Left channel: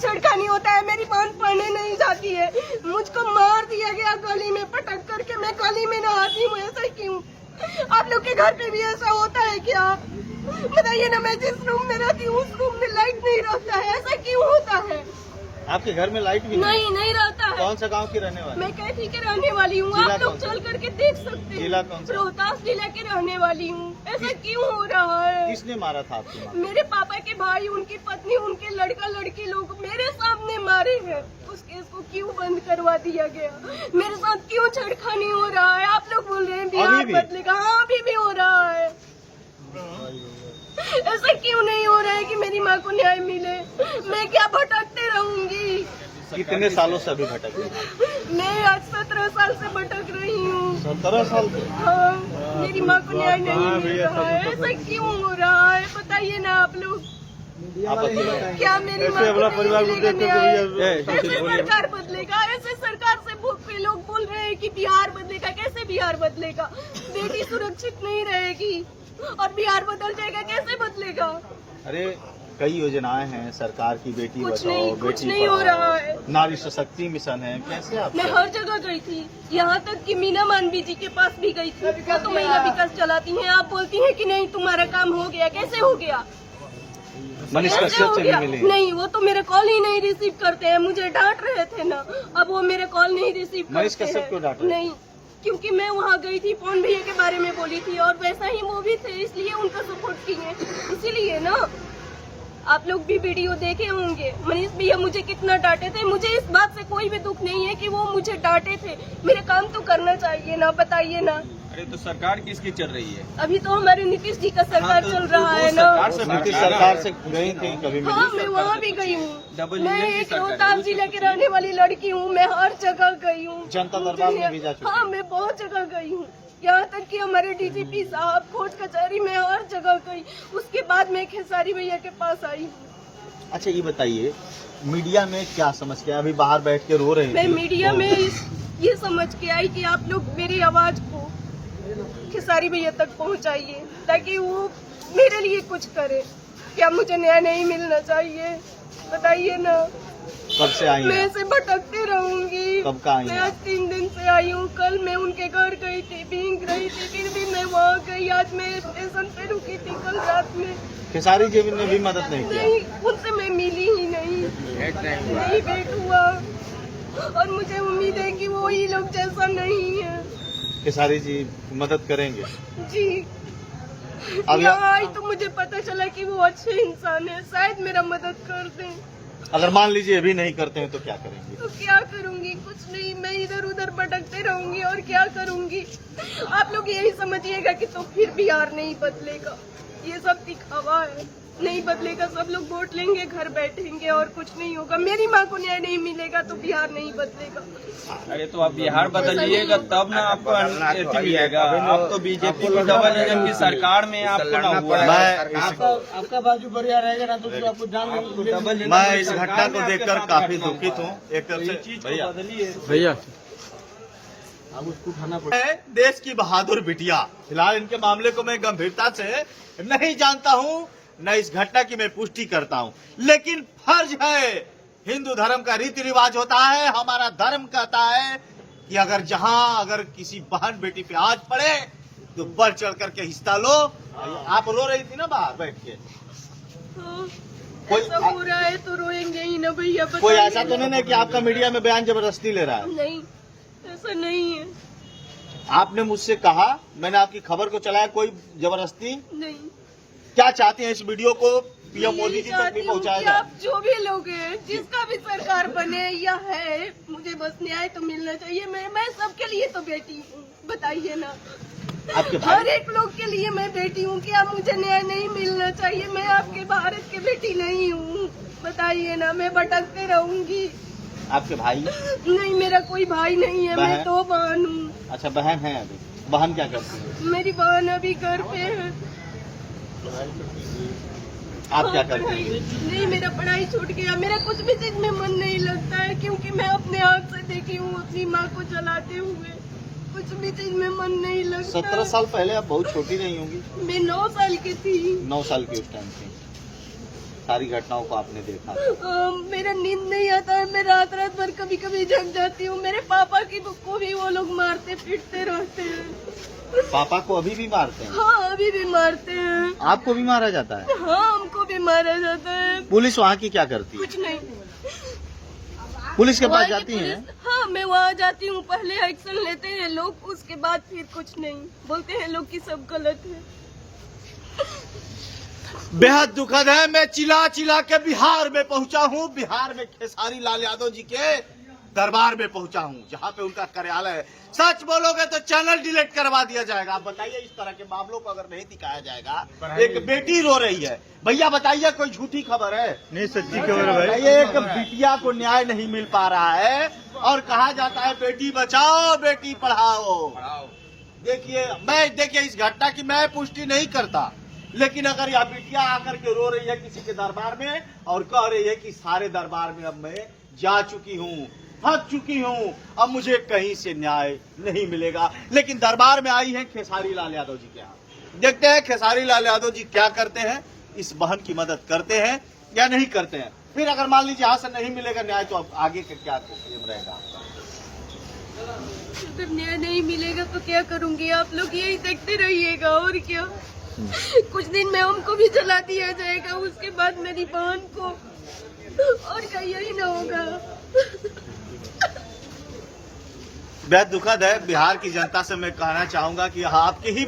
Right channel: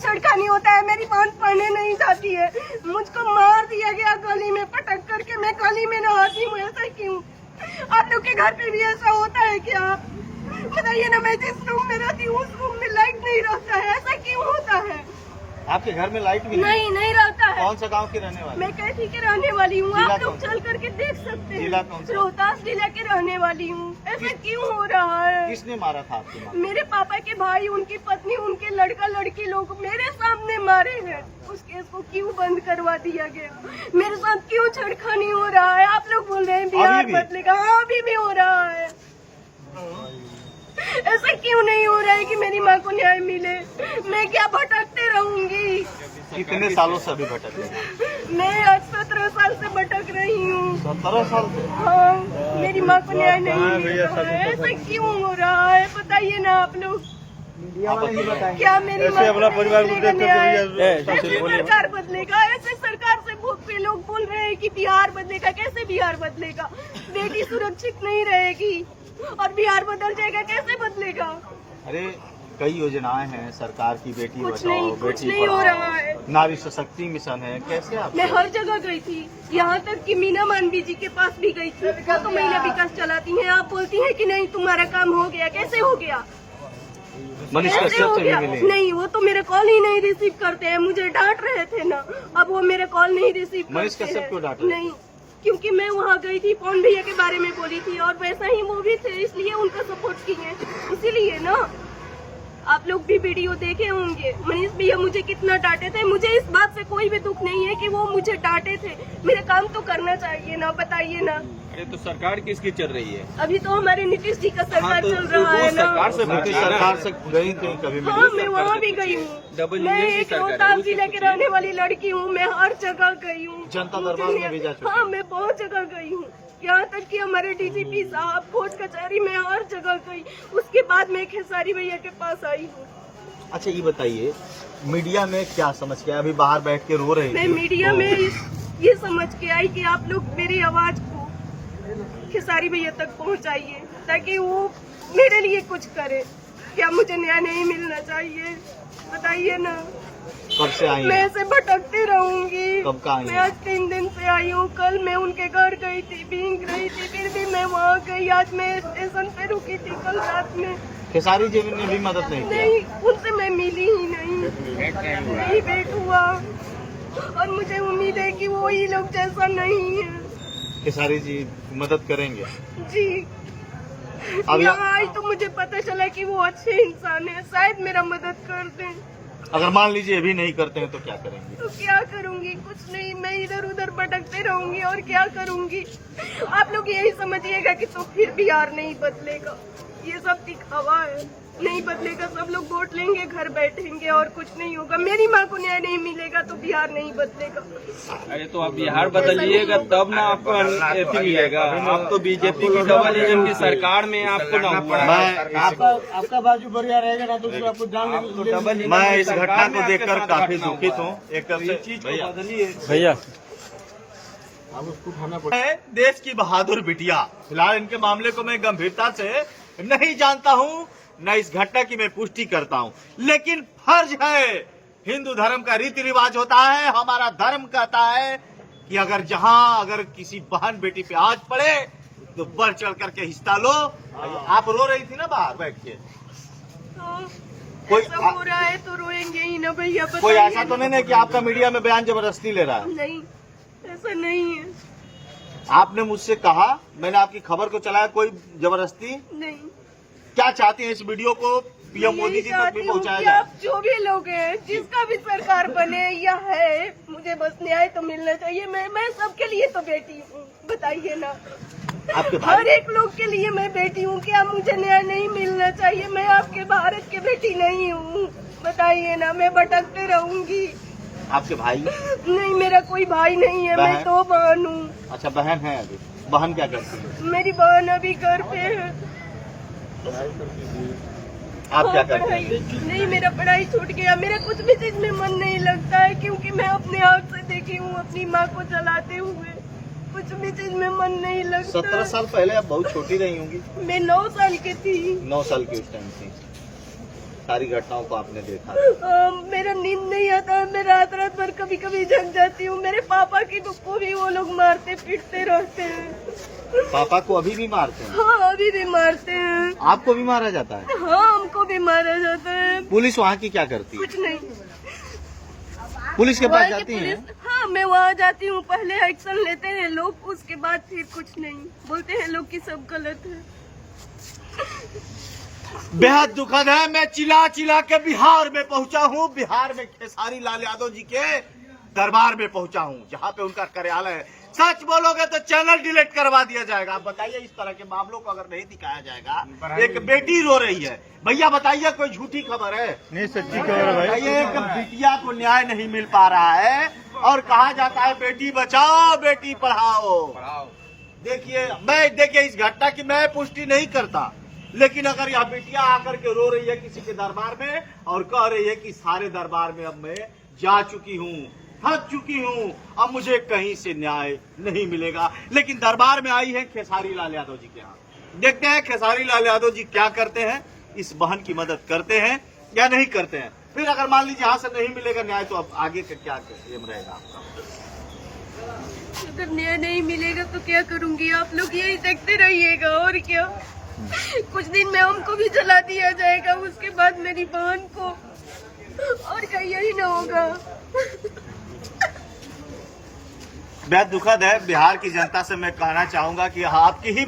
छेड़खानी होता है। मेरी बहन पढ़ने नहीं जाती है, मुझको मार दिया गया गली में पटक करके। मैं गली में नहाती हूँ, ऐसा क्यों? आप लोग के घर पे भी ऐसा होता है क्या? बताइए ना। मैं जिस रूम में रहती हूँ उस रूम में लाइट नहीं रहता है, ऐसा क्यों होता है? आपके घर में लाइट भी नहीं रहता है। कौन सा गांव की रहने वाली? मैं कैथी के रहने वाली हूँ, आप लोग चल करके देख सकते हैं। जिला कौन सा? रोहतास जिला के रहने वाली हूँ। ऐसा क्यों हो रहा है? किसने मारा था आपकी माँ? मेरे पापा के भाई, उनकी पत्नी, उनके लड़का लड़की लोग मेरे सामने मारे हैं। उस केस को क्यों बंद करवा दिया गया? मेरे साथ क्यों छेड़खानी हो रहा है? आप लोग बोल रहे हैं बिहार बदलेगा। हाँ, अभी भी हो रहा है। ऐसा क्यों नहीं हो रहा है कि मेरी माँ को न्याय मिले? मैं क्या भटकते रहूंगी? कितने सालों से अभी भटक रही हैं? मैं आज 17 साल से भटक रही हूँ। 17 साल से? हाँ, मेरी माँ को न्याय नहीं मिल रहा है। ऐसा क्यों हो रहा है? बताइए ना आप लोग। क्या मेरी माँ को मिलेगा न्याय? ऐसे सरकार बदलेगा? ऐसे सरकार से पे लोग बोल रहे हैं कि बिहार बदलेगा। कैसे बिहार बदलेगा? बेटी सुरक्षित नहीं रहेगी और बिहार बदल जाएगा, कैसे बदलेगा? अरे कई योजनाएं हैं सरकार की, बेटी बचाओ कुछ बेटी नहीं हो रहा है। पढ़ाओ, नारी सशक्ति मिशन है। कैसे आप? मैं हर जगह गई थी, यहाँ तक कि मीना मानवी जी के पास भी गई थी। क्या तो महिला विकास चलाती हैं, आप बोलती हैं कि नहीं तुम्हारा काम हो गया। कैसे हो गया? मनीष कैसे कश्यप हो से भी गया? मिले? नहीं, वो तो मेरे कॉल ही नहीं रिसीव करते हैं। मुझे डांट रहे थे ना, अब वो मेरे कॉल नहीं रिसीव करते हैं। मनीष कश्यप को डांटे? नहीं, क्योंकि मैं वहाँ गई थी, पवन भैया के बारे में बोली थी और वैसा ही वो भी थे, इसलिए उनका सपोर्ट किए। इसीलिए ना, आप लोग भी वीडियो देखे होंगे। मनीष भैया मुझे कितना डांटे थे। मुझे इस बात से कोई भी दुख नहीं है कि वो मुझे डांटे थे। मेरा काम तो करना चाहिए ना, बताइए ना। अरे तो सरकार किसकी चल रही है? अभी तो हमारे नीतीश जी का सरकार चल रहा है ना। सरकार से गई थी कभी? हाँ, मैं वहाँ भी गई हूँ। मैं एक रोहतास जिले के रहने वाली लड़की हूँ। मैं हर जगह गई हूँ। जनता दरबार में भी जा चुकी? हाँ, मैं बहुत जगह गई हूँ। यहाँ तक कि हमारे डीजीपी साहब, कोर्ट कचहरी में हर जगह गई। उसके बाद मैं खेसारी भैया के पास आई हूँ। अच्छा ये बताइए, मीडिया में क्या समझ के अभी बाहर बैठ के रो रहे मैं थे? मीडिया में ये समझ के आई कि आप लोग मेरी आवाज को खेसारी भैया तक पहुँचाइए ताकि वो मेरे लिए कुछ करे। क्या मुझे न्याय नहीं मिलना चाहिए? बताइए ना। कब से आई मैं हैं? ऐसे भटकती रहूंगी। कब का आई मैं हैं? आज 3 दिन से आई हूँ। कल मैं उनके घर गई थी, भीग रही थी, फिर भी मैं वहाँ गई। आज मैं स्टेशन पे रुकी थी कल रात में। खेसारी जी ने भी मदद नहीं किया? नहीं, उनसे मैं मिली ही नहीं भेंट हुआ। और मुझे उम्मीद है कि वो ही लोग जैसा नहीं है। खेसारी जी मदद करेंगे? जी, यहाँ आई तो मुझे पता चला कि वो अच्छे इंसान है। शायद मेरा मदद कर दें। अगर मान लीजिए अभी नहीं करते हैं तो क्या करेंगे? तो क्या करूंगी? कुछ नहीं, मैं इधर उधर भटकते रहूंगी और क्या करूंगी? आप लोग यही समझिएगा कि तो फिर बिहार नहीं बदलेगा। ये सब दिखावा है। नहीं बदलेगा, सब लोग वोट लेंगे, घर बैठेंगे और कुछ नहीं होगा। मेरी माँ को न्याय नहीं मिलेगा तो बिहार नहीं बदलेगा। अरे तो आप बिहार बदलिएगा तब ना आपको अथी मिलेगा। आप तो बीजेपी की डबल एजेंट की सरकार में आपको ना हुआ। आपका बाजू बढ़िया रहेगा ना तो आपको जान। मैं इस घटना को देखकर काफी दुखित हूँ। एक तरफ से भैया अब उसको उठाना पड़ेगा। देश की बहादुर बिटिया, फिलहाल इनके मामले को मैं गंभीरता से नहीं जानता हूँ, न इस घटना की मैं पुष्टि करता हूँ, लेकिन फर्ज है। हिंदू धर्म का रीति रिवाज होता है, हमारा धर्म कहता है कि अगर किसी बहन बेटी पे हाथ पड़े तो बढ़ चढ़ करके हिस्सा लो। आप रो रही थी ना बाहर बैठ के? कोई ऐसा हो रहा है तो रोएंगे ही ना भैया। कोई ऐसा तो नहीं है कि आपका मीडिया में बयान जबरदस्ती ले रहा है? नहीं, ऐसा नहीं है। आपने मुझसे कहा, मैंने आपकी खबर को चलाया, कोई जबरदस्ती नहीं। क्या चाहते हैं इस वीडियो को पीएम मोदी जी तक भी पहुंचाया जाए? आप जो भी लोग हैं, जिसका भी सरकार बने या है, मुझे बस न्याय तो मिलना चाहिए। मैं सबके लिए तो बेटी हूँ। बताइए ना, आपके हर एक लोग के लिए मैं बेटी हूँ। क्या मुझे न्याय नहीं मिलना चाहिए? मैं आपके भारत की बेटी नहीं हूँ? बताइए ना, मैं भटकते रहूंगी। आपके भाई? नहीं, मेरा कोई भाई नहीं है। मैं तो बहन हूँ। अच्छा, बहन है। अभी बहन क्या करती है? मेरी बहन अभी घर पे है। आप क्या करते हैं? नहीं, मेरा पढ़ाई छूट गया। मेरा कुछ भी चीज में मन नहीं लगता है, क्योंकि मैं अपने हाथ से देखी हूँ अपनी माँ को चलाते हुए। कुछ भी चीज में मन नहीं लगता। 17 साल पहले आप बहुत छोटी रही होंगी? मैं 9 साल की थी। 9 साल की उस टाइम थी। सारी घटनाओं को आपने देखा? मेरा नींद पर कभी कभी जग जाती हूँ। मेरे पापा की को भी वो लोग मारते पीटते रहते हैं। पापा को अभी भी मारते हैं? हाँ, अभी भी मारते हैं। आपको भी मारा जाता है? हाँ, हमको भी मारा जाता है। पुलिस वहाँ की क्या करती है? कुछ नहीं। पुलिस के पास वहाँ की जाती है? हाँ, मैं वहाँ जाती हूँ, पहले एक्शन लेते हैं लोग, उसके बाद फिर कुछ नहीं बोलते हैं लोग कि सब गलत है। बेहद दुखद है। मैं चिल्ला चिल्ला के बिहार में पहुंचा हूं। बिहार में खेसारी लाल यादव जी के दरबार में पहुंचा हूं, जहां पे उनका कार्यालय है। सच बोलोगे तो चैनल डिलीट करवा दिया जाएगा। आप बताइए, इस तरह के मामलों को अगर नहीं दिखाया जाएगा। एक बेटी रो रही है, भैया बताइए कोई झूठी खबर है? नहीं, सच्ची खबर है भाई। एक बिटिया को न्याय नहीं मिल पा रहा है और कहा जाता है बेटी बचाओ बेटी पढ़ाओ। देखिए इस घटना की मैं पुष्टि नहीं करता, लेकिन अगर यह बिटिया आकर के रो रही है किसी के दरबार में और कह रही है कि सारे दरबार में अब मैं जा चुकी हूँ, थक चुकी हूँ, अब मुझे कहीं से न्याय नहीं मिलेगा, लेकिन दरबार में आई है खेसारी लाल यादव जी के यहाँ। देखते हैं खेसारी लाल यादव जी क्या करते हैं, इस बहन की मदद करते हैं या नहीं करते हैं। फिर अगर मान लीजिए यहाँ से नहीं मिलेगा न्याय, तो अब आगे का क्या एम रहेगा? अगर न्याय नहीं मिलेगा तो क्या करूँगी? आप लोग यही देखते रहिएगा और क्या। कुछ दिन में हमको भी जला दिया जाएगा, उसके बाद मेरी बहन को, और क्या यही ना होगा। बेहद दुखद है। बिहार की जनता से मैं कहना चाहूंगा कि आपकी ही